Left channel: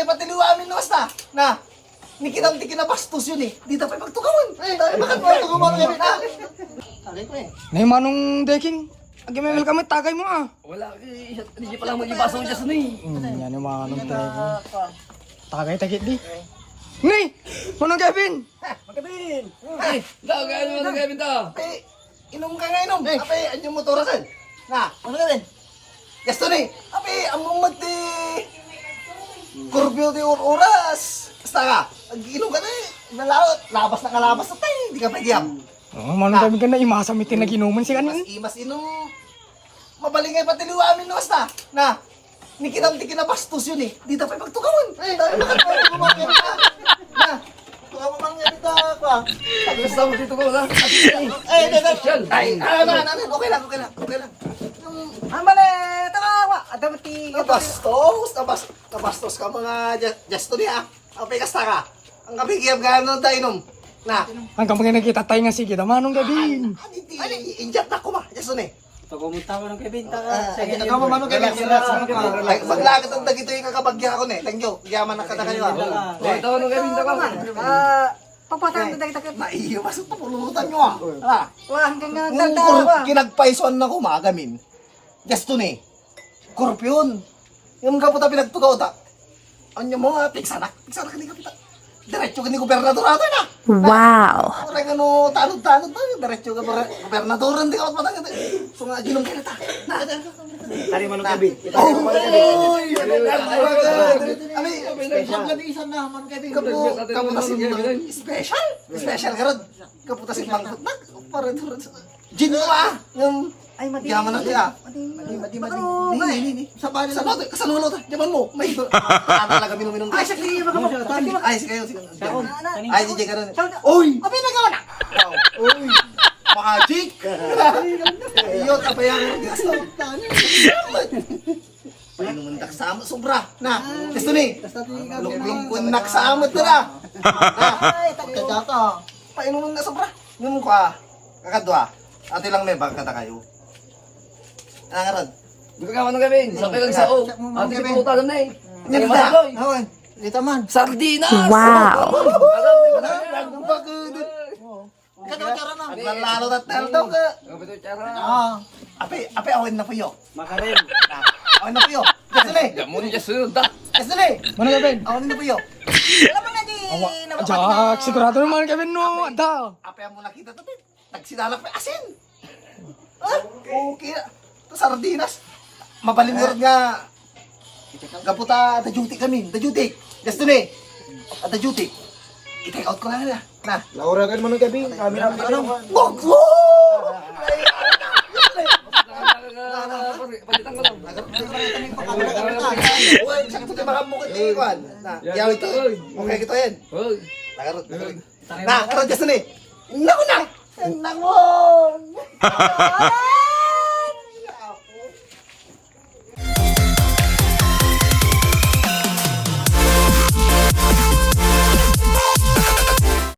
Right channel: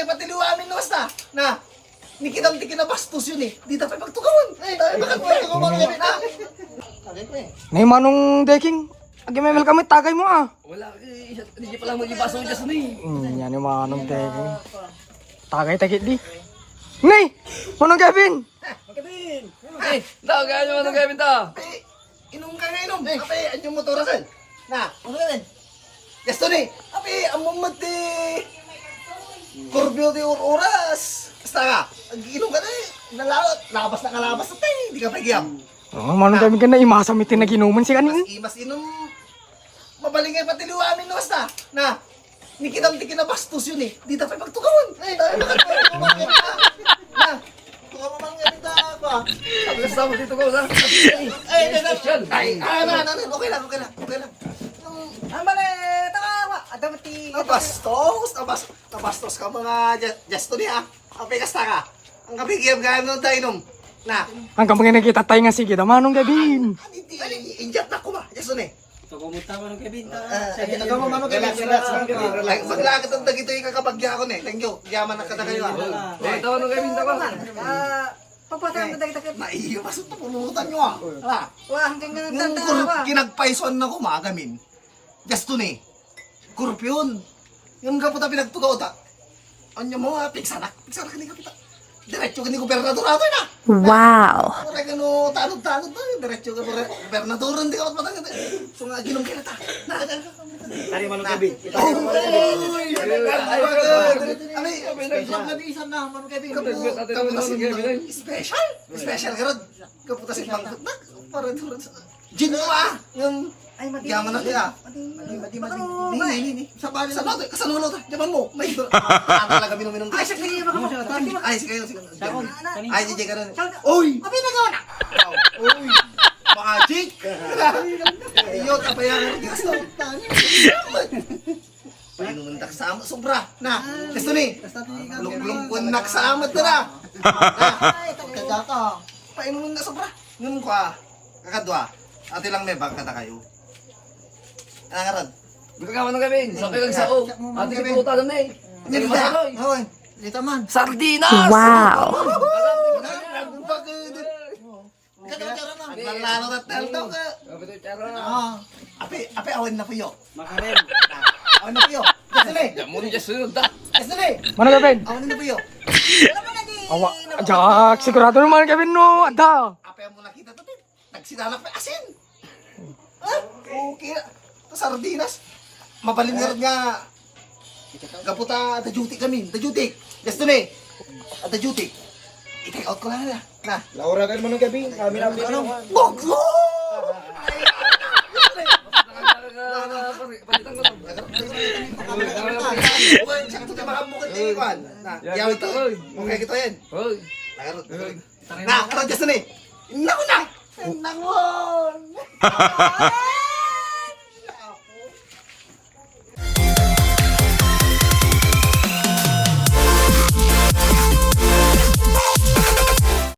mabalingay pati liwamin luwas na. Nikinang kinabastos yun eh. Di tayo magtukawan. Ay, bakit magtukawan yun na? Sabi ko eh. Nay manong deking. Agimemel kami tagay mo ah. Wala, hindi pa lang mag-ibasa mo siya sunay. Yan yung manong deking. Tagay takit di. Nay! Manong Kevin! Magkabin. Eh, gaya naman ang gamit ah. Ape, inom ka nga inom. Ape, anong motorasan? Na, ano ka rin? Gasto ni. Ape, among magti. Kurbyo di oras. Basta ka. Ag-inom ka na eh. Nalaot. Labas na kalabas na tayo. Hindi ka pregiyam. Oh, manong Kevin ka na imasamitin na ginuman si kanin. Mas inom. Mabalingay pati liwamin luwas na. Nikinang kinabastos yun eh. Di tayo magtukawan. Ay, tayo magtukawan. Na. Tukawan mo mga kita pa. Basta mo dito ko na. Ay, Special. okay lang. Amane, tawa. Ada mati. Nabastos ka mga gesto niya. Apay kasta ka. Ang kabigyan ka nun tayo inom. Na. Hanggang mga nakita tayo nga sige, manong Kevin. Inject na ko ma. Gesto ni. Pagumuta mo ng Kevin. Sige, ikaw mamano kayo. Paglagat ang dagito yung kakabagya ko ni. Thank you. Yaman na kada kayo. Ito nung gamit ako. Papatahan mo dahil takit. Maiyo, masok na pulutan nyo ah. Wah, hanggang nga Nung nagdatawa. kinagpaisuan na ko magamin. Gesto ni. Korupyon. Yung kaputa pinagtugaw ta. Anya mo nga, piksana ka ni kapita. Diretso ka ni gobernador ato na. Wow. Orang ano, tanod-tanod na. Diretso ka gobernador, hindi ka matmatang. So nga, ginong ka na ta. Tari mo ng Kevin. Uy! Magkadisan na, man Kevin. Kaputa si special? Special ka ron. Kaputa si Bangkot na. Para doon. Gin mo ah! Yung Ay, mati. yaman na kaya. Mati. Ni. Sa bali sa bato, kasanulo ta. Jaman mo. May talaga minum-minum. Ay, sakli. Baka mo. Ay, sige. Ay, Ay, DJ ka rin. Uy! Abi na gawa na. Uy! Makajik! Iyot, apa yan? Gasto. Painuman nagsama, sobra. Na, gusto ni. Lung nagsamot ka na. Ay, Kagata. Painuman na sobra. Ngayon ko kakadwa. Ate lang may bag kata kayo. Ano nga rad? Buka ka man ng gamit. Sa kayo sa o. Ate si puta na eh. Hindi Masaloy. Hoy, dito man. Sardinas! Wow. Naglalaro na teldo ka. Ape, awin na po yo. Makarel. Awin na po yo. Gusto ni. Muna siya sunod ta. Gusto ni. Manong Kevin. Awin na po yo. Awa. Jack, sigurado naman Kevin no. Ada. Ape ang mo nakita to. Nagsinalak pa asin. Okay. Ito sardinas. Mabalinirad nga. Gaputa, the duty kami. The duty. Gusto ni. The duty. I-take out ko lang nila. Na. Laura ka naman ng Kevin. Kami na ano. Boglo! Palitan ko to. Uy, sakto kayo baka mukha tayo kwan. Na, yaw ito. Okay, kita yan. Hoy. Nakarot. Na, karot gusto ni. Naku na! Naku!